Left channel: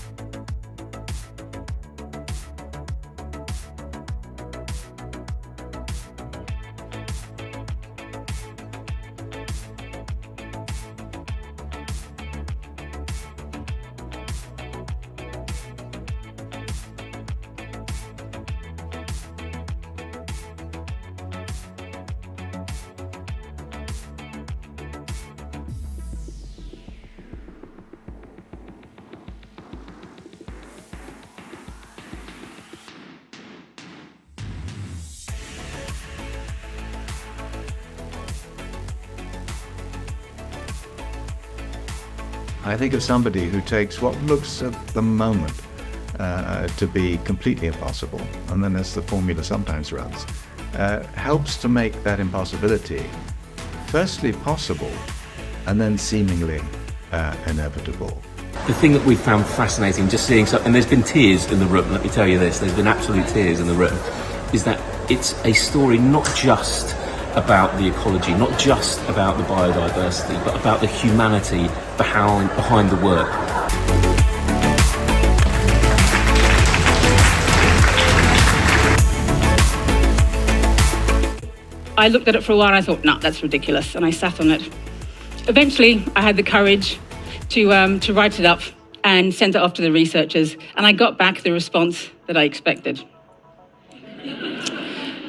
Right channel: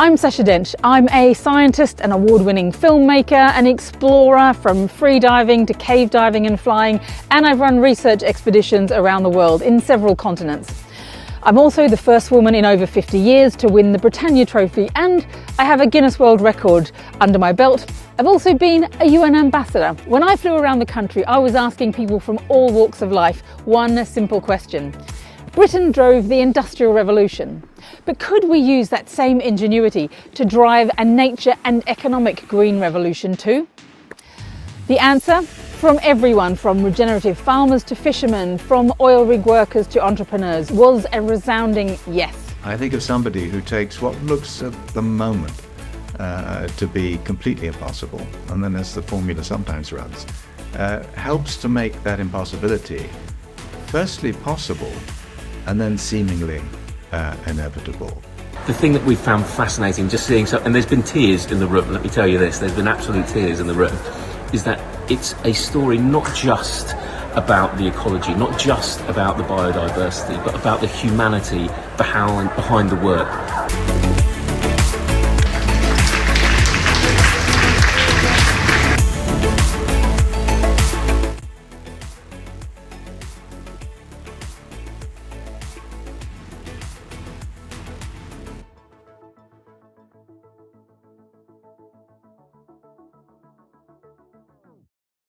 I'm Sacha Dench. I'm a scientist, an award-winning filmmaker, an explorer from freediving to cave diving and flying, and I've run research expeditions around the world in several continents. I'm also the first woman in over 50 years to win the Britannia Trophy, and I have a Guinness World Record under my belt. I've also been a UN ambassador. When I flew around the country, I was asking people from all walks of life one simple question. Britain drove the Industrial Revolution, but could we use that same ingenuity to drive a nature and economic green revolution too? The answer? From everyone, from regenerative farmers to fishermen, from oil rig workers to entrepreneurs, was a resounding yes. I think of somebody who takes what looks at the moment to be completely impossible, and then as the formula sometimes runs, helps to make that impossibility firstly possible and then seemingly inevitable. The thing that we found fascinating, just seeing, and there's been tears in the room, let me tell you this, there's been absolute tears in the room, is that it's a story not just about the ecology, not just about the biodiversity, but about the humanity behind the work. I looked at it for a while and I thought, no, that's ridiculous, and I sat on it. Eventually, I had the courage to write it up and send it off to the researchers, and I got back the response that I expected.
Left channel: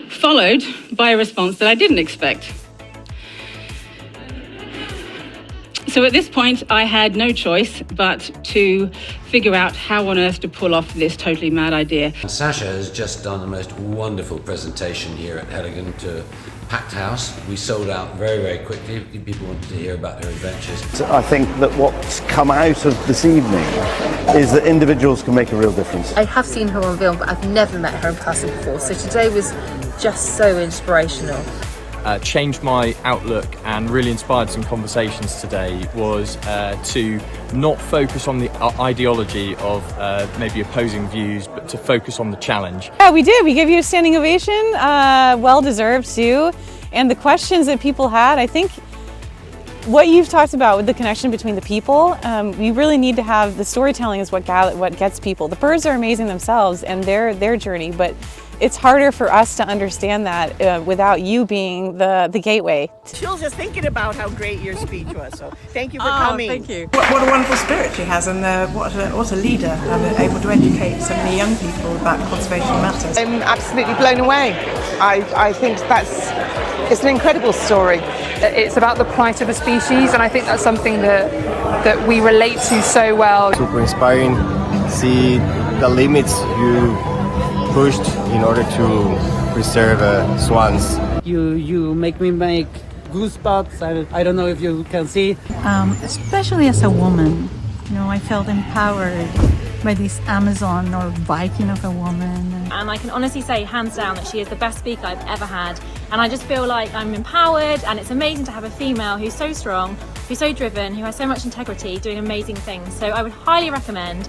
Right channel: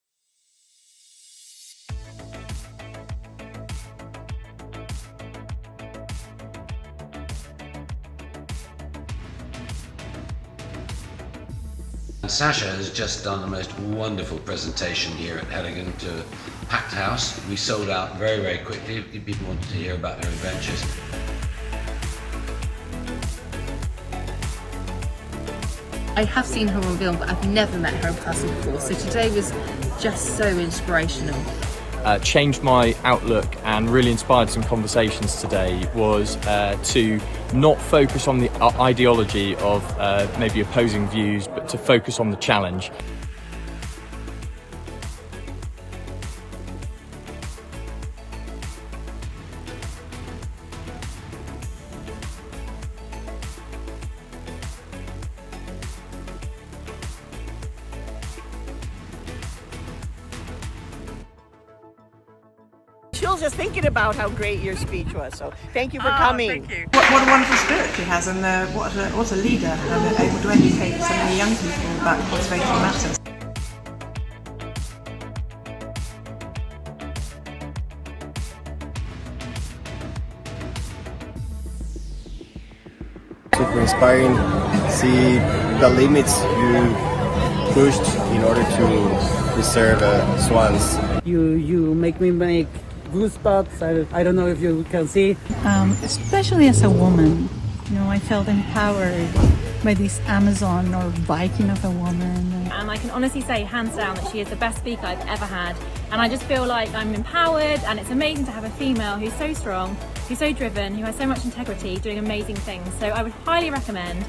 Followed by a response that I didn't expect. So at this point, I had no choice but to figure out how on earth to pull off this totally mad idea. Sacha has just done the most wonderful presentation here at Hedingen to packed house. We sold out very, very quickly. People wanted to hear about their adventures. I think that what's come out of this evening is that individuals can make a real difference. I have seen her on film, but I've never met her in person before, so today was just so inspirational. Changed my outlook and really inspired some conversations today was to not focus on the ideology of maybe opposing views, but to focus on the challenge. Yeah, we did. We gave you a standing ovation, well deserved too. And the questions that people had, I think what you've talked about with the connection between the people, we really need to have the storytelling is what gets people. The birds are amazing themselves and their journey, but it's harder for us to understand that without you being the gateway. Chills just thinking about how great your speech was, so thank you for coming. Thank you. What a wonderful spirit she has, and what a leader, and able to educate so many young people about conservation matters. I'm absolutely blown away. I think it's an incredible story. It's about the plight of the species, and I think that's something that we relate to so well. Super inspiring, see the limits you pushed in order to preserve swans. You make me make goosebumps. I don't know if you can see. Especially as a woman, I felt empowered by this Amazon or Viking of a woman. And I can honestly say, hands down, that she is the best speaker I've ever had. And I just feel like I'm empowered, and it's amazing to have a female who's so strong, who's so driven, who has so much integrity, doing amazing things. So I would highly recommend